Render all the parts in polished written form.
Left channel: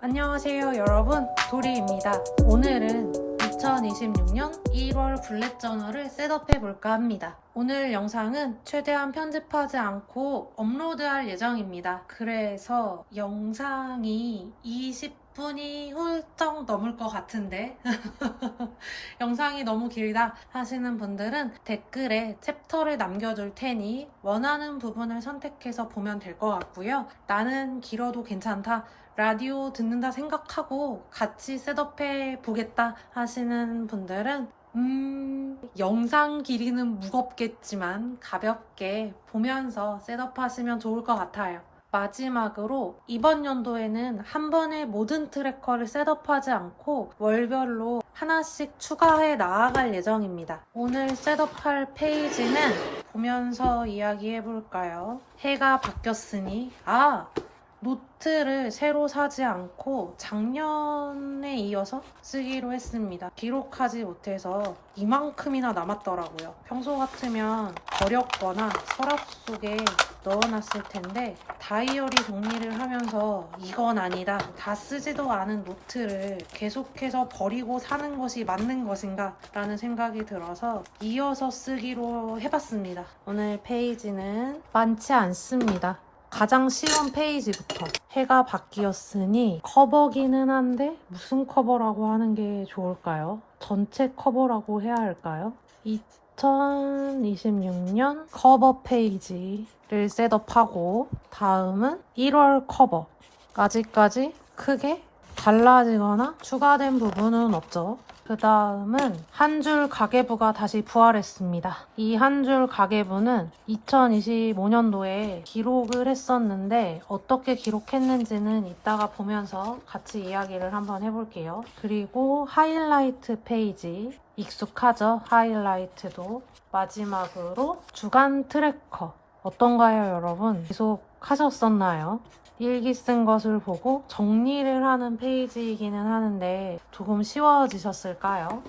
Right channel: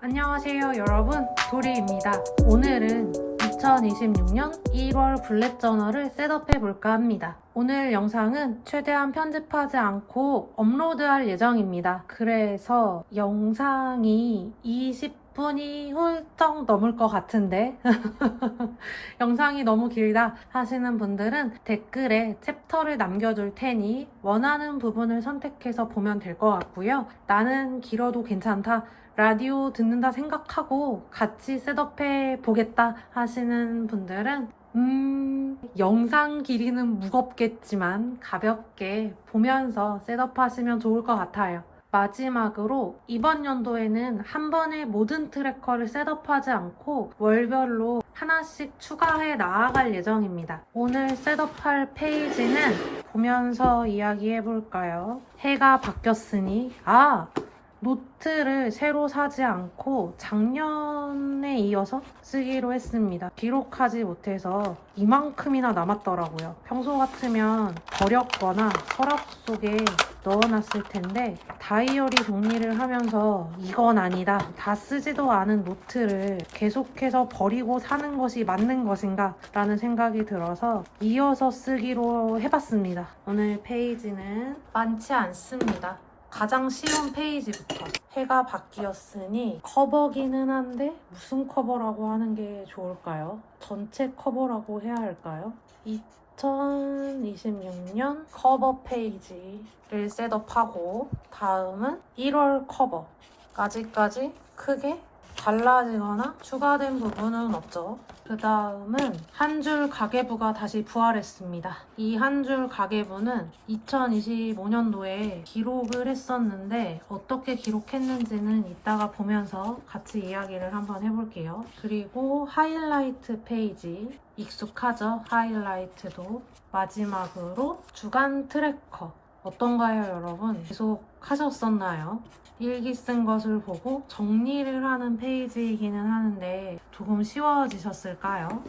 안녕하세요 여러분, 도리입니다. 오늘은 2026년 1월 블랙 저널을 셋업해 볼까 합니다. 오늘 영상은 최대한 편집하지 않고 업로드할 예정입니다. 그래서 영상이 20분이 훌쩍 넘을 것 같은데 영상이 너무 길다 하시는 분들은 댓글에 챕터를 남겨둘 테니 원하는 부분을 선택해서 보면 될 것 같고요. 나는 길어도 괜찮다, 라디오 듣는다 생각하고 같이 셋업해 보겠다 하시는 분들은 영상 길이는 무겁겠지만 가볍게 보면서 셋업하시면 좋을 것 같아요. 마지막으로 이번 연도에는 한 번에 모든 트래커를 셋업하지 않고 월별로 하나씩 추가해 나아갈 예정입니다. 오늘 셋업할 페이지는 보면서 이야기해 볼까요? 해가 바뀌었으니 노트를 새로 사지 않고 작년에 이어서 쓰기로 했습니다. 기록하지 못해서 이만큼이나 남았더라고요. 평소 같으면 버렸거나 서랍 속에 넣어놨을 텐데 다이어리 정리를 하면서 이건 아니다, 다 쓰지도 않은 노트를 계속해서 버리고 사는 것이 맞는 것인가 라는 생각이 들어서 이어서 쓰기로 해봤습니다. 오늘 페이지는 많지 않습니다. 가장 쉬운 페이지부터. 해가 바뀌었으니 커버기는 한데 무슨 커버라고 하는 게 좋을까요? 전체 커버라고 해야 할까요? 2026년 커버 페이지를 셋업하고 다음은 1월 커버. 아직까지 크게 달라지거나 추가된 부분은 없죠. 그 다음은 한 줄 가계부가 다시 부활했습니다. 이 한 줄 가계부는 2025년도에 기록을 했었는데 어떻게 기록했는지는 이따가 보면서 같이 이야기를 한번 해볼게요. 그리고 하이라이트 페이지, 익숙하죠? 하이라이트도. 마지막으로 주간 트래커. 어떤가요, 여러분? 계속 하셨었나요? 일기 쓴 것을 보고 정리를 하는 페이지이기는 하는데 조금 쉬워지셨을까요?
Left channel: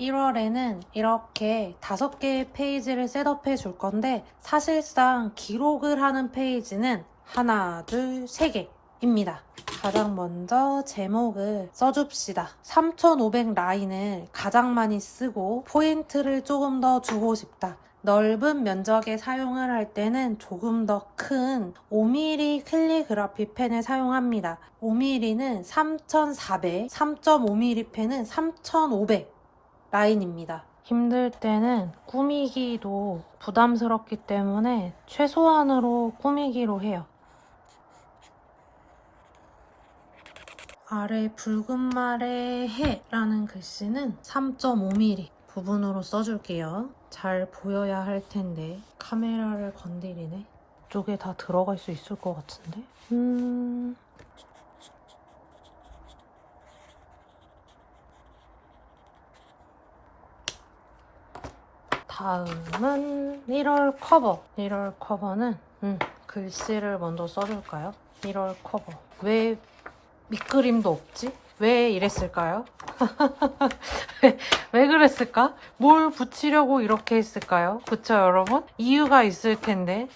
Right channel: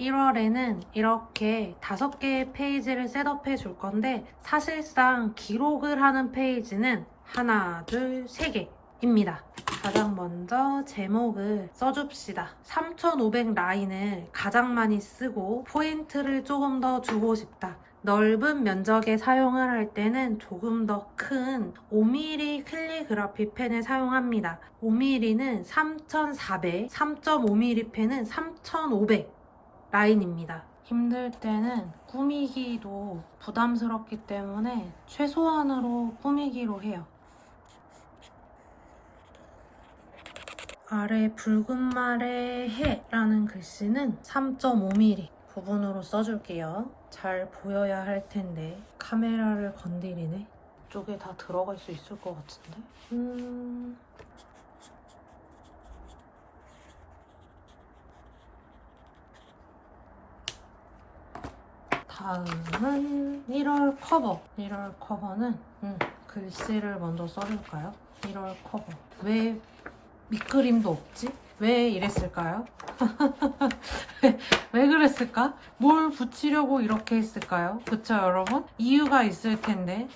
1월에는 이렇게 5개의 페이지를 셋업해 줄 건데 사실상 기록을 하는 페이지는 하나, 둘, 3개입니다. 가장 먼저 제목을 써줍시다. 3,500 라인을 가장 많이 쓰고 포인트를 조금 더 주고 싶다. 넓은 면적에 사용을 할 때는 조금 더 큰 5mm 캘리그라피 펜을 사용합니다. 5mm는 3,400, 3.5mm 펜은 3,500 라인입니다. 힘들 때는 꾸미기도 부담스럽기 때문에 최소한으로 꾸미기로 해요. 아래 붉은 말의 해라는 글씨는 3.5mm 부분으로 써줄게요. 잘 보여야 할 텐데 카메라를 건드리네. 이쪽에 다 들어갈 수 있을 것 같은데? 다음은 1월 커버. 1월 커버는 글씨를 먼저 써줄까요? 1월 커버. 왜 밑그림도 없지? 왜 이랬을까요? 왜 그랬을까? 뭘 붙이려고 이렇게 했을까요? 그쵸, 여러분? 이유가 있을 텐데.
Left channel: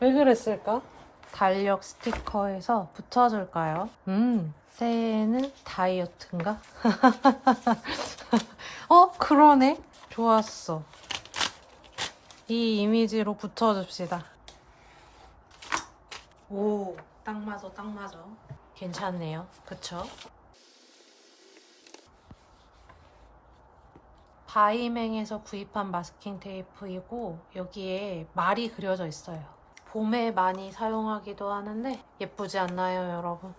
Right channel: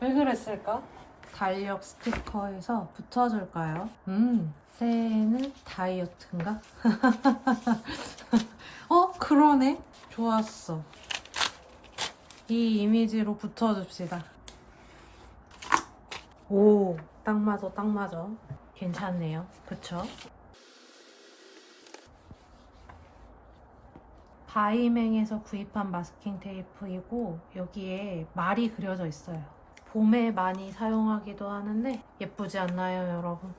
왜 그랬을까? 달력 스티커에서 붙여줄까요? 새해에는 다이어트인가? 그러네? 좋았어. 이 이미지로 붙여줍시다. 오, 딱 맞아, 딱 맞아. 괜찮네요. 그쵸? 바이맹에서 구입한 마스킹 테이프이고 여기에 말이 그려져 있어요. 봄에 많이 사용하기도 하는데 예쁘지 않나요, 여러분?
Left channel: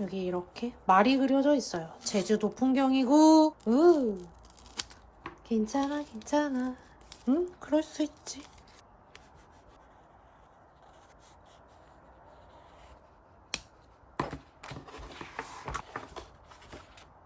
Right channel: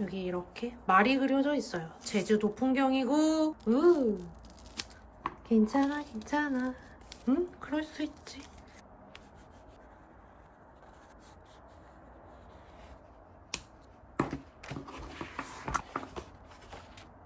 여기 이렇게 말이 그려져 있어요. 제주도 풍경이고 괜찮아, 괜찮아. 그럴 수 있지.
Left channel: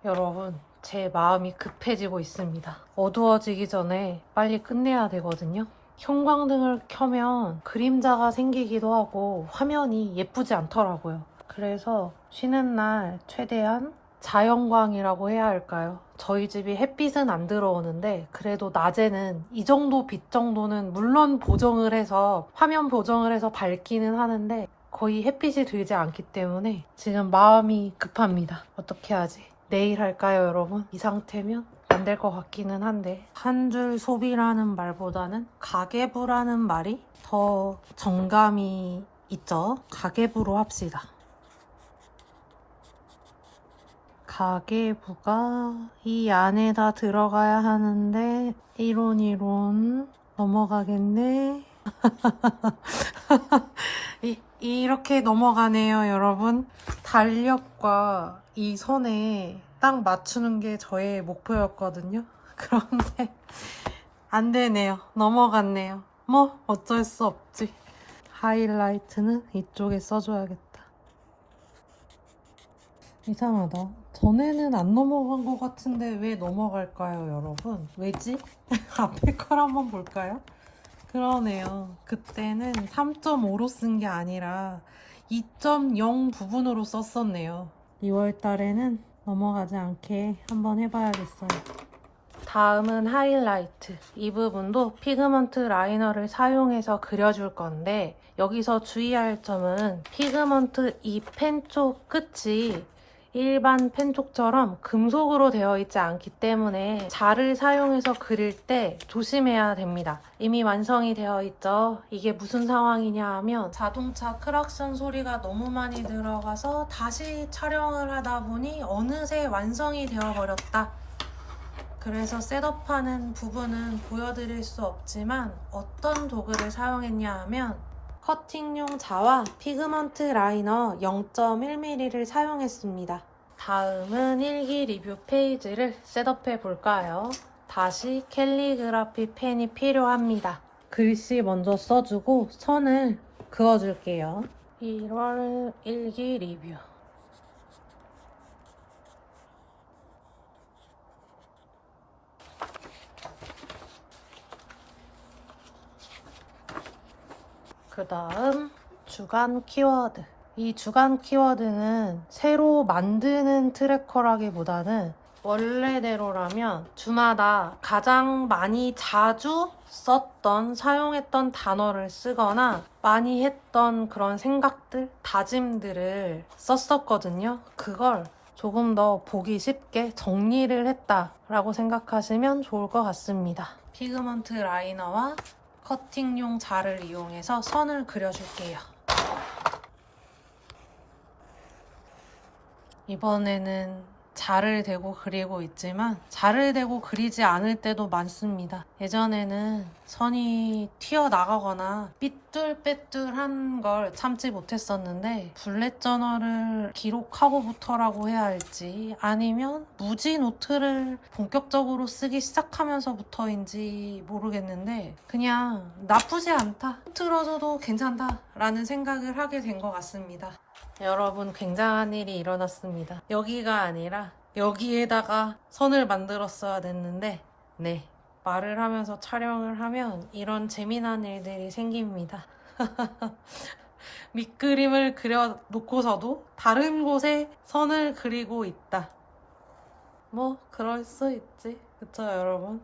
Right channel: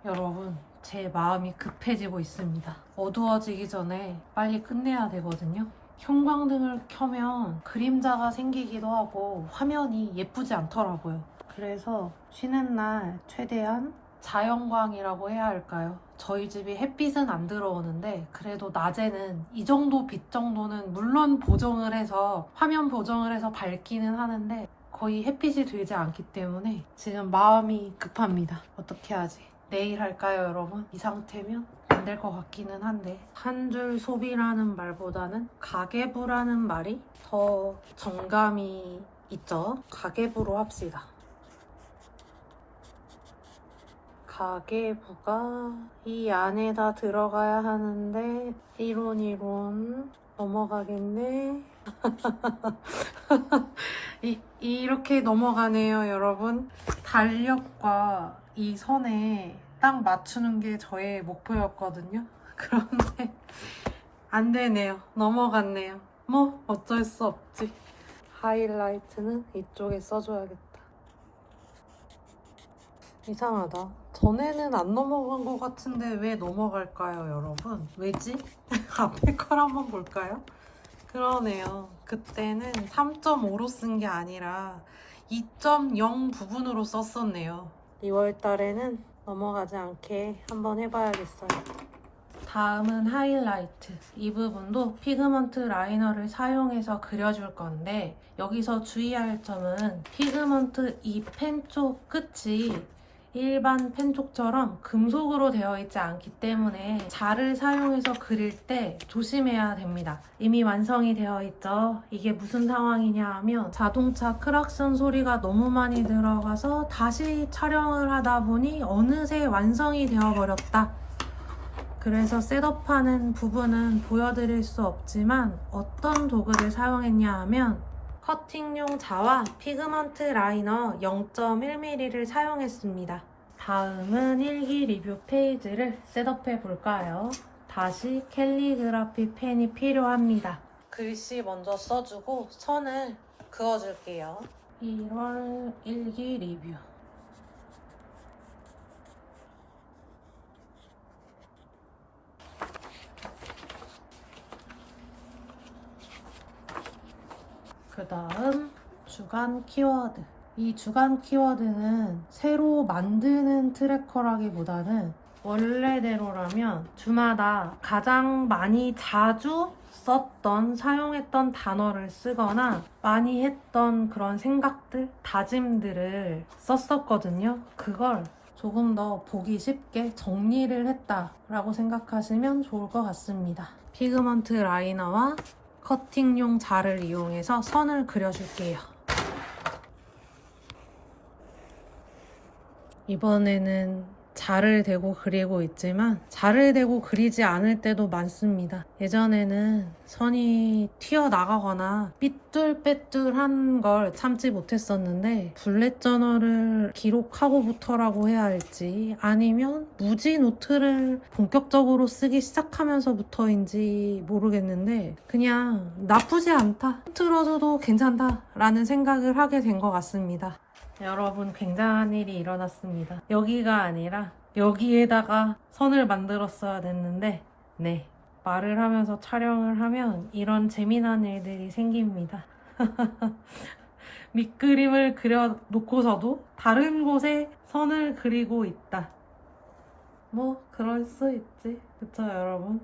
여러분, 제 마음이 급해지고 있습니다. 어두워지기 전에 빨리 끝내야 되거든요. 형광등을 켜면 그림자가 생기기도 하고 화면이 예쁘지 않더라고요. 그래서 쉬는 날 최대한 자연광이라고 해야 할까요? 저희 집이 햇빛은 안 들어오는데 그래도 낮에는 이 정도 빛 정도는 물론 보정을 해서 화면 보정을 해서 밝기는 하는데 거의 햇빛이 들지 않기 때문에 지금 마음이 급합니다. 어떻게 하지? 내일 할까요, 여러분? 이 상태면 안 될 것 같기는 한데 한 줄 소비라는 말보다는 가계부라는 말이 더 정감이 있죠? 가계부로 합시다. 가계부가 이 안에다 들어가야 하는데 이론 넘어가겠네. 이렇게 넘어가네요, 여러분. 달력과 이 선에 딱 맞추는 게 저의 목표였거든요. 그런데 안 되네요. 넘어갔네요. 뭐 어쩔 수 없지. 하이라이트는 이쪽에 써줘야겠다. 이상하다. 전에는 안 넘어간 것 같은데 왜 넘어갈까요, 여러분? 왜지? 앞에 걸 한번 볼까요? 그러네요. 그때는 3.5로 쓴 게 아니라 2.0 부분으로 썼었네요. 2월 달에는 넘어가지 않게 한번 해봐야겠어요. 다음은 하이라이트. 이 부분도 피그먼트 라이너를 사용해서 그려줄 건데 여기서 주의할 점은 피그먼트 이 펜 쪽 끝이 일반 펜쪽처럼 금속으로 되어 있지 않기 때문에 자를 사용해서 그릴 때 조심해야 됩니다. 이미 완성이 되어 있죠. 이게 무슨 상황이냐 하면 자동차 크락션 소리가 너무 많이 들어가서 다시 촬영을 하다 보니 어느새 완성이 되어 버렸다. 그래서 셋업하는 부분은 보여드릴 수 없지만 어떤 도구를 사용했냐 하면 커팅용 자와 피그먼트 라이너 0.1mm를 사용했습니다. 다음은 일기 리뷰 페이지를 셋업해 볼까요? 다시 캘리그라피 펜이 필요합니다. 글씨 먼저 써주고 선을 그어줄게요. 1월 일기 리뷰. 그 다음 주간 키워드. 이 주간 키워드는 새로 만드는 트래커라기보다는 원래대로라면 주마다 가장 많이 자주 썼던 사용했던 단어를 쓰거나 많이 했던 그런 생각들, 다짐들을 썼었거든요. 그걸 조금 더 보기 쉽게 정리를 했다라고 생각하시면 좋을 것 같습니다. 피그먼트 라이너와 커팅용 자를 이용해서 선을 그려줄게요. 이번에는 자를 대고 그리고 있지만 자를 대고 그리지 않을 때도 많습니다. 예전에는 선이 튀어나가거나 삐뚤빼뚤한 걸 참지 못했었는데 블렛 저널을 기록하고부터라고 해야 할지 아니면 무지 노트를 본격적으로 쓰기 시작하면서부터인지 모르겠는데 그냥 나쁘지 않다, 틀어줘도 괜찮다 라는 생각을 하게 된 것 같습니다. 여러분, 굉장한 일이 일어났습니다. 여기가 아니라 여기에다가 선을 만들었어야 됐는데 네, 말을 하면서 촬영을 하면 이런 재미난 일들이 생깁니다. 밑그림을 그려놓고서도 다른 곳에 선을 그리고 있다. 뭐 그럴 수 있지, 그쵸 여러분?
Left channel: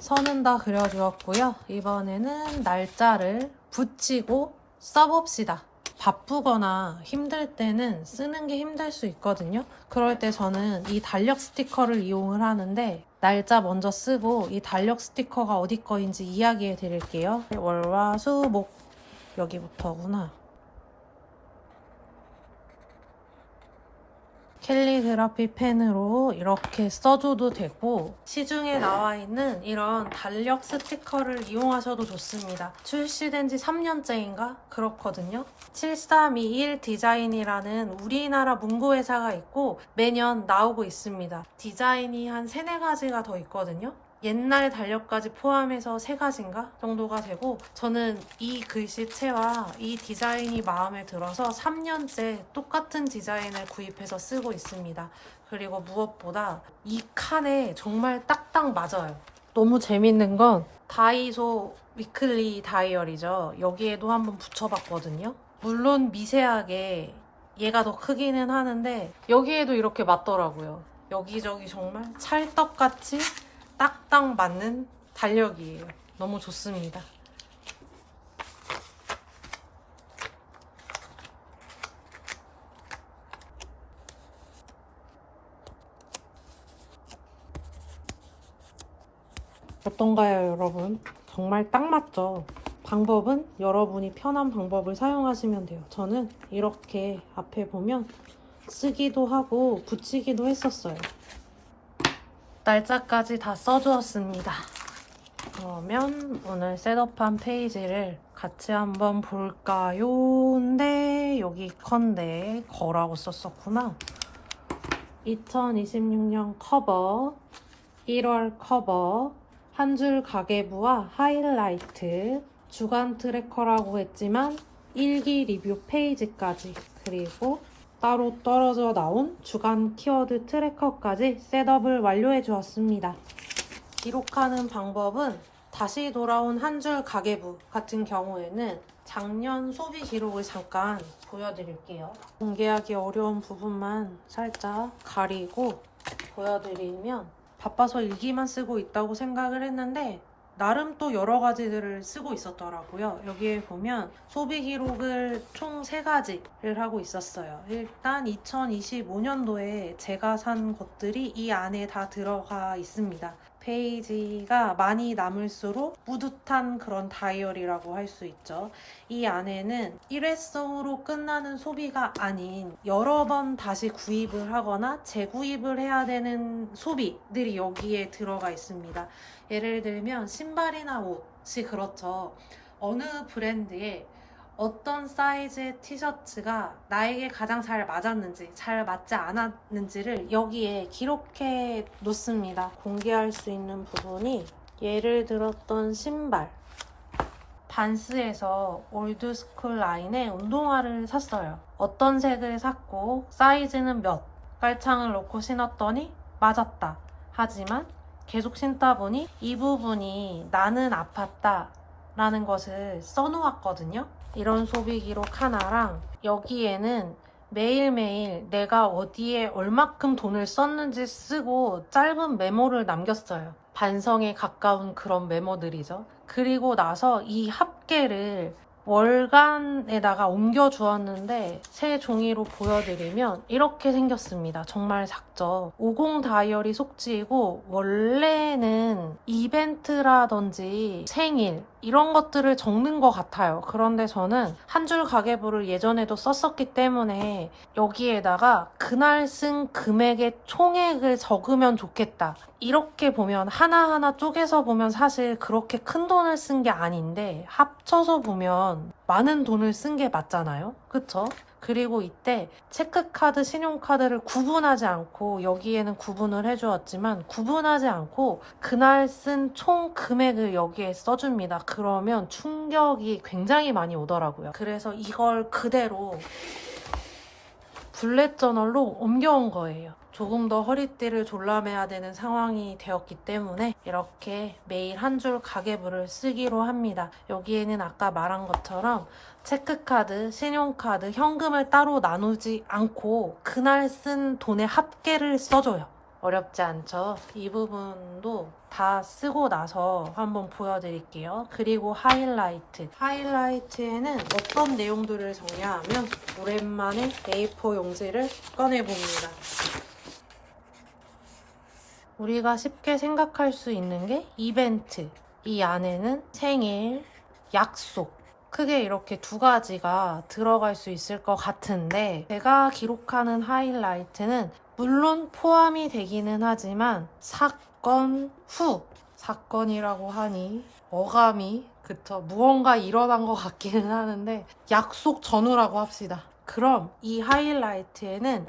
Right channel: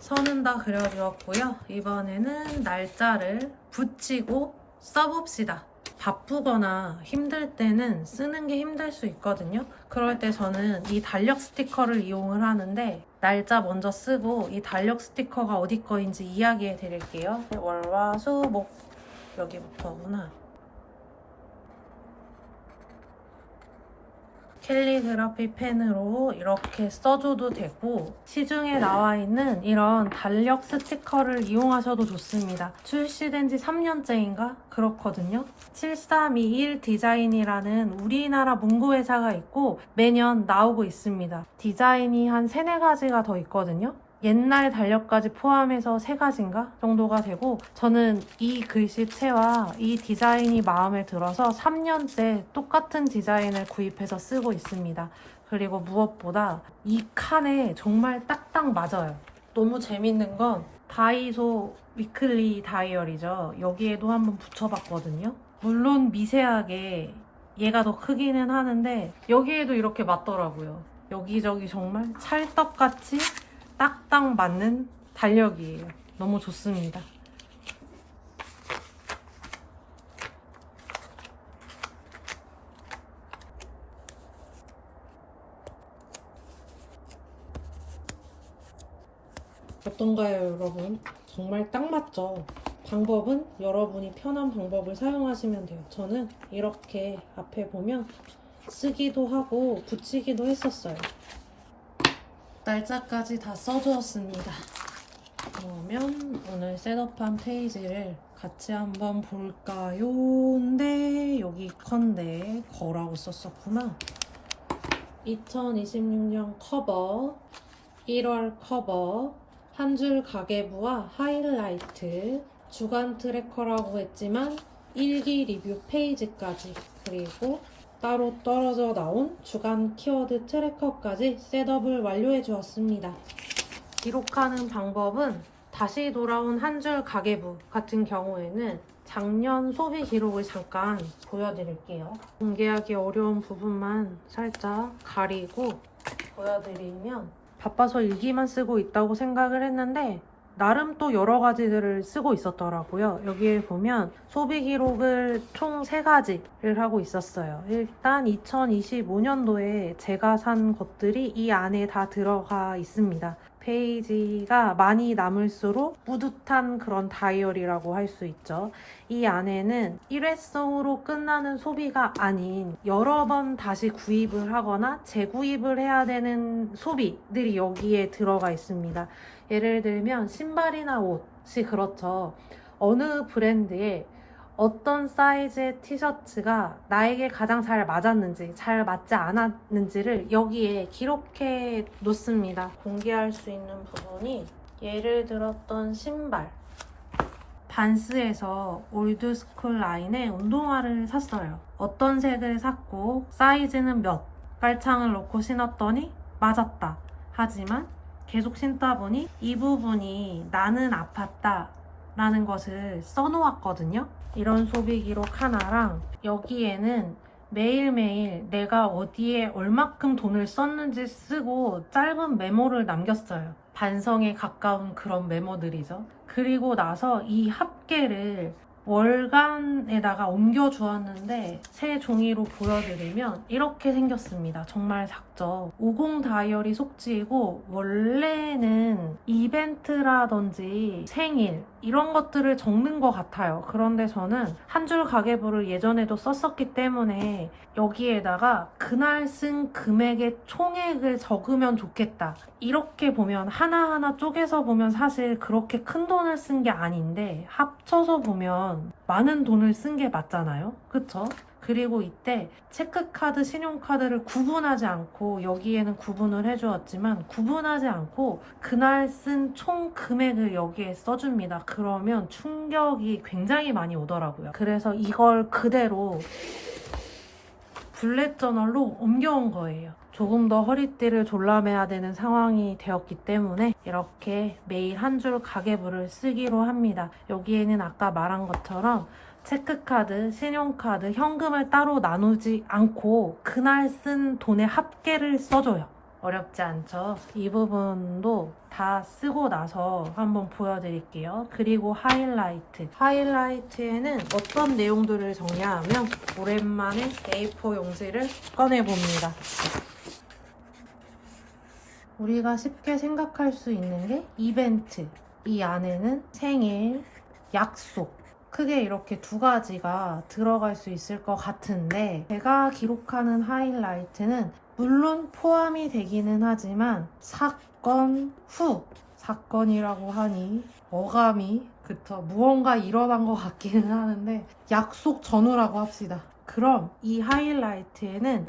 선은 다 그려주었고요. 이번에는 날짜를 붙이고 써봅시다. 바쁘거나 힘들 때는 쓰는 게 힘들 수 있거든요. 그럴 때 저는 이 달력 스티커를 이용을 하는데 날짜 먼저 쓰고 이 달력 스티커가 어디 거인지 이야기해 드릴게요. 월화수목 여기부터구나. 캘리그라피 펜으로 이렇게 써줘도 되고 시중에 나와 있는 이런 달력 스티커를 이용하셔도 좋습니다. 출시된 지 3년째인가? 그렇거든요. 7321 디자인이라는 우리나라 문구회사가 있고 매년 나오고 있습니다. 디자인이 한 3-4가지가 더 있거든요. 옛날 달력까지 포함해서 3가지인가 정도가 되고 저는 이 글씨체와 이 디자인이 마음에 들어서 3년째 똑같은 디자인을 구입해서 쓰고 있습니다. 그리고 무엇보다 이 칸에 정말 딱딱 맞아요. 너무 재밌는 건 다이소 위클리 다이어리죠. 여기에도 한번 붙여봤거든요. 물론 미세하게 얘가 더 크기는 하는데 여기에도 이렇게 맞더라고요. 여기저기 정말 찰떡같이 딱딱 맞는 달력이에요. 너무 좋습니다. 어떤가요, 여러분? 정말 딱 맞죠? 방법은 여러분이 편한 방법을 사용하시면 돼요. 저는 이렇게 앞에 보면 쓰기도 하고 붙이기도 했었어요. 날짜까지 다 써주었습니다. 그러면 오늘 셋업한 페이지를 같이 한번 볼까요? 근데 여기 컨데 거라고 썼었구나. 2026년 커버, 1월 커버, 한 줄 가계부와 하이라이트, 주간 트래커라고 했지만 일기 리뷰 페이지까지, 그리고 따로 떨어져 나온 주간 키워드 트래커까지 셋업을 완료해 주었습니다. 기록하는 방법은 다시 돌아온 한 줄 가계부 같은 경우에는 작년 소비 기록을 잠깐 보여드릴게요. 공개하기 어려운 부분만 살짝 가리고 보여드리면, 바빠서 일기만 쓰고 있다고 생각을 했는데 나름 또 여러 가지들을 쓰고 있었더라고요. 여기에 보면 소비 기록을 총 3가지를 하고 있었어요. 일단 2025년도에 제가 산 것들이 이 안에 다 들어가 있습니다. 페이지가 많이 남을수록 뿌듯한 그런 다이어리라고 할 수 있죠. 이 안에는 일회성으로 끝나는 소비가 아닌 여러 번 다시 구입을 하거나 재구입을 해야 되는 소비들이 여기에 들어가 있습니다. 예를 들면 신발이나 옷이 그렇죠. 어느 브랜드의 어떤 사이즈의 티셔츠가 나에게 가장 잘 맞았는지, 잘 맞지 않았는지를 여기에 기록해 놓습니다. 공개할 수 있는 부분이, 예를 들었던 신발, 반스에서 올드스쿨 라인의 운동화를 샀어요. 어떤 색을 샀고 사이즈는 몇, 깔창을 놓고 신었더니 맞았다. 하지만 계속 신다 보니 이 부분이 나는 아팠다 라는 것을 써놓았거든요. 이런 소비 기록 하나랑 여기에는 매일매일 내가 어디에 얼마큼 돈을 썼는지 쓰고 짧은 메모를 남겼어요. 반성에 가까운 그런 메모들이죠. 그리고 나서 이 합계를 월간에다가 옮겨 주었는데 새 종이로 보여드리면 이렇게 생겼습니다. 정말 작죠. 50 다이어리 속지이고 원래는 이벤트라든지 생일 이런 것들을 적는 것 같아요. 그런데 저는 한 줄 가계부를 예전에도 썼었기 때문에 여기에다가 그날 쓴 금액의 총액을 적으면 좋겠다. 이렇게 보면 하나하나 쪼개서 보면 사실 그렇게 큰 돈을 쓴 게 아닌데 합쳐서 보면 많은 돈을 쓴 게 맞잖아요. 그쵸? 그리고 이때 체크카드, 신용카드를 구분하지 않고, 여기에는 구분을 해주었지만 구분하지 않고 그날 쓴 총 금액을 여기에 써줍니다. 그러면 충격이 굉장히 많이 오더라고요. 그래서 이걸 그대로 블랙 저널로 옮겨온 거예요. 조금 더 허리띠를 졸라매야 되는 상황이 되었기 때문에 이렇게 매일 한 줄 가계부를 쓰기로 합니다. 여기에는 아까 말한 것처럼 체크카드, 신용카드, 현금을 따로 나누지 않고 그날 쓴 돈의 합계를 써줘요. 어렵지 않죠? 이 부분도 다 쓰고 나서 한번 보여드릴게요. 그리고 하이라이트. 하이라이트에는 어떤 내용들을 정리하면, 오랜만에 A4 용지를 꺼내봅니다. 우리가 쉽게 생각할 수 있는 게 이벤트. 이 안에는 생일, 약속, 크게 이렇게 2가지가 들어갈 수 있을 것 같은데, 제가 기록하는 하이라이트는 물론 포함이 되기는 하지만 사건 후, 사건이라고 하니 어감이 그쵸, 무언가 일어난 것 같기는 하는데 약속 전후라고 합시다. 그럼 이 하이라이트에는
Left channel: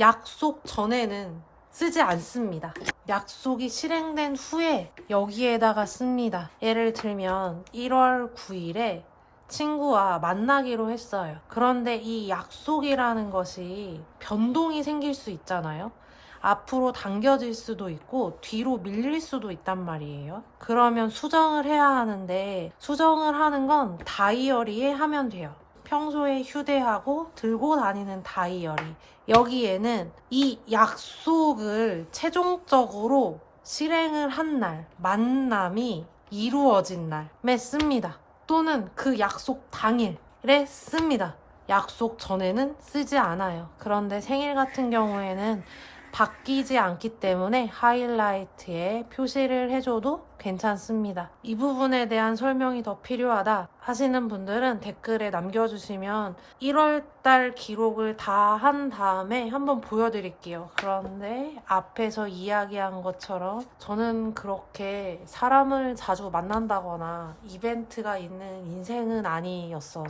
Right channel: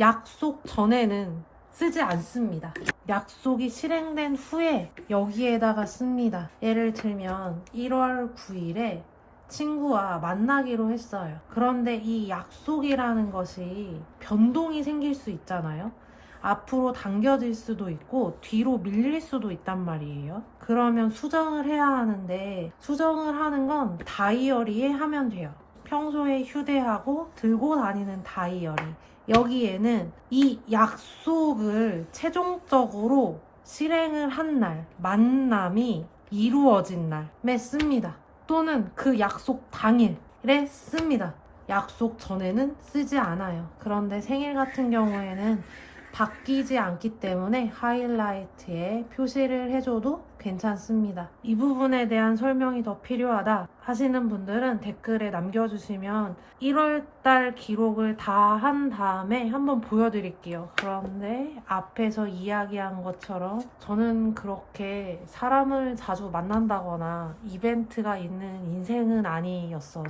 약속 전에는 쓰지 않습니다. 약속이 실행된 후에 여기에다가 씁니다. 예를 들면 1월 9일에 친구와 만나기로 했어요. 그런데 이 약속이라는 것이 변동이 생길 수 있잖아요. 앞으로 당겨질 수도 있고 뒤로 밀릴 수도 있단 말이에요. 그러면 수정을 해야 하는데, 수정을 하는 건 다이어리에 하면 돼요. 평소에 휴대하고 들고 다니는 다이어리. 여기에는 이 약속을 최종적으로 실행을 한 날, 만남이 이루어진 날에 씁니다. 또는 그 약속 당일에 씁니다. 약속 전에는 쓰지 않아요. 그런데 생일 같은 경우에는 바뀌지 않기 때문에 하이라이트에 표시를 해줘도 괜찮습니다. 이 부분에 대한 설명이 더 필요하다 하시는 분들은 댓글에 남겨주시면 1월달 기록을 다 한 다음에 한번 보여드릴게요. 그런데 앞에서 이야기한 것처럼 저는 그렇게 사람을 자주 만난다거나 이벤트가 있는 인생은 아니라서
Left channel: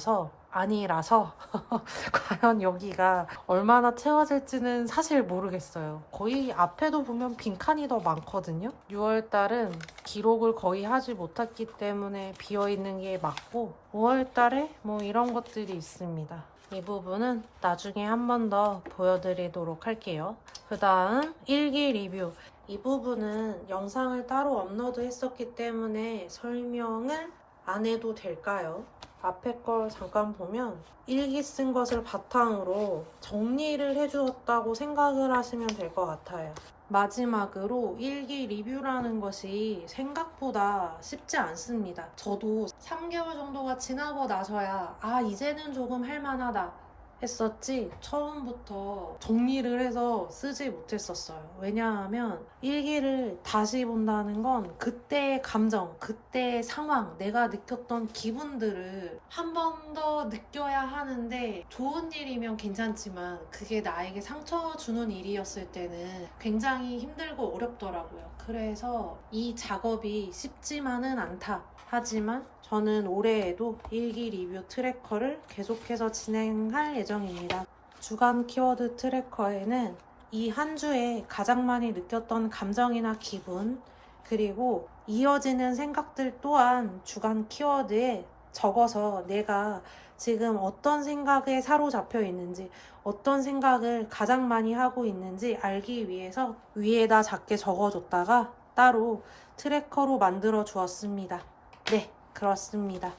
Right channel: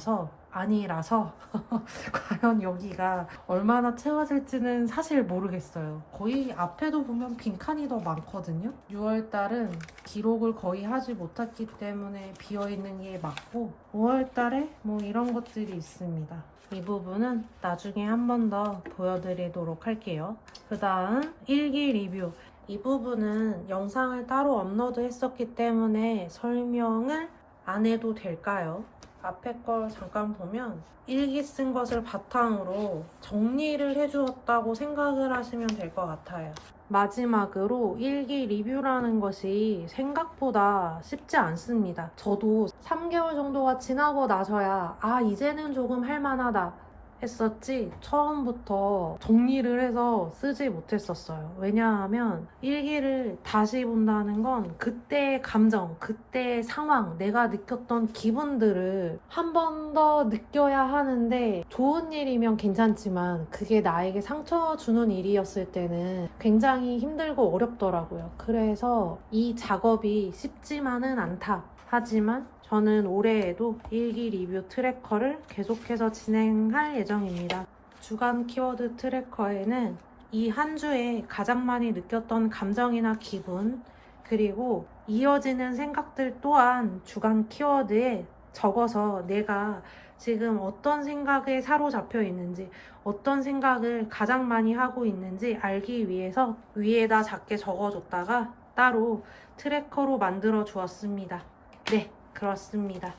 과연 여기가 얼마나 채워질지는 사실 모르겠어요. 거의 앞에도 보면 빈칸이 더 많거든요. 6월달은 기록을 거의 하지 못했기 때문에 비어있는 게 맞고 5월달에 뭐 이런 것들이 있습니다. 이 부분은 나중에 한 번 더 보여드리도록 할게요. 그 다음 일기 리뷰. 이 부분은 영상을 따로 업로드 했었기 때문에 설명을 안 해도 될까요? 앞에 걸 잠깐 보면 일기 쓴 것을 바탕으로 정리를 해주었다고 생각을 하시면 될 것 같아요. 마지막으로 일기 리뷰라는 것이 생각보다 쉽지 않습니다. 저도 3개월 정도가 지나고 나서야 이제는 조금 할만하다 했었지 처음부터 정리를 해서 쓰지 못했었어요. 왜냐하면 일기를 다시 본다는 건 그때의 감정, 그때의 상황, 내가 느꼈던 기분들을 한 번 더 느껴야 하는데 좋은 일이면 괜찮지만 그게 나에게 상처 주는 일이었을 때는 굉장히 힘들고 어렵더라고요. 그래서 이 작업이 쉽지만은 않다. 하지만 저는 올해에도 일기 리뷰 트래커를 계속해서 진행할 예정입니다. 주간 키워드 트래커에는 이 한 주에 가장 많이 느꼈던 감정이나 기분, 그리고 이어지는 생각들 또한 주간 키워드에 적어서 내가 지금 어떤 생각에 사로잡혀 있는지, 어떤 생각을 가장 많이 하고 있는지 알기 위해서 위에다 작게 적어줬다가 따로 트래커로 만들어 주었습니다. 네, 그렇습니다.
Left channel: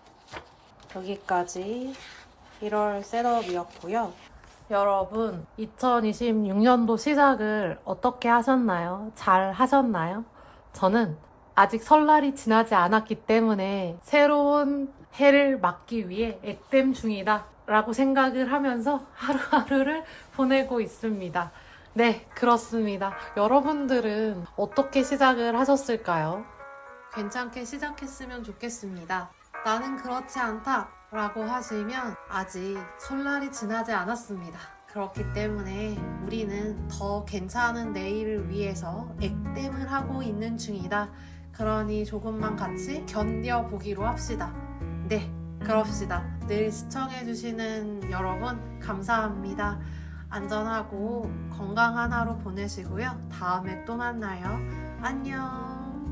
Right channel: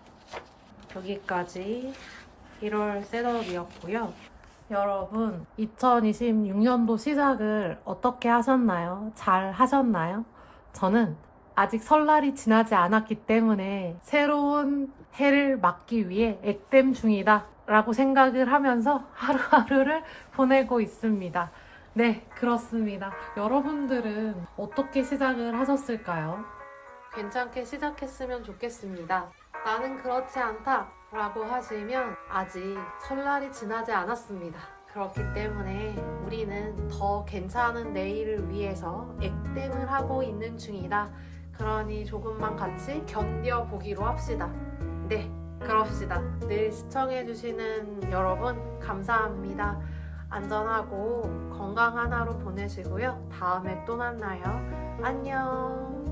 여기까지 1월 셋업이었고요. 여러분, 2026년도 시작을 어떻게 하셨나요? 잘 하셨나요? 저는 아직 설날이 지나지 않았기 때문에 새로운 해를 맞기 위해 액땜 중이다 라고 생각을 하면서 하루하루를 보내고 있습니다. 네, 그렇습니다. 여러분들은 어떻게 시작을 하셨을까요? 괜찮게 시작했으면 좋겠습니다. 나는 그렇지 않다 라고 하시면 아직 설날이 지나지 않았습니다. 그렇기 때문에 우리는 더 괜찮은 내일을 위해서 액땜을 하고 있는 중이다. 그러니 조금만 같이 견뎌보기로 합시다. 네, 그럽시다. 늘 시청해주시는 여러분 감사합니다. 안전하고 건강한 하루 보내시고요. 다음에 또 만나요. 안녕.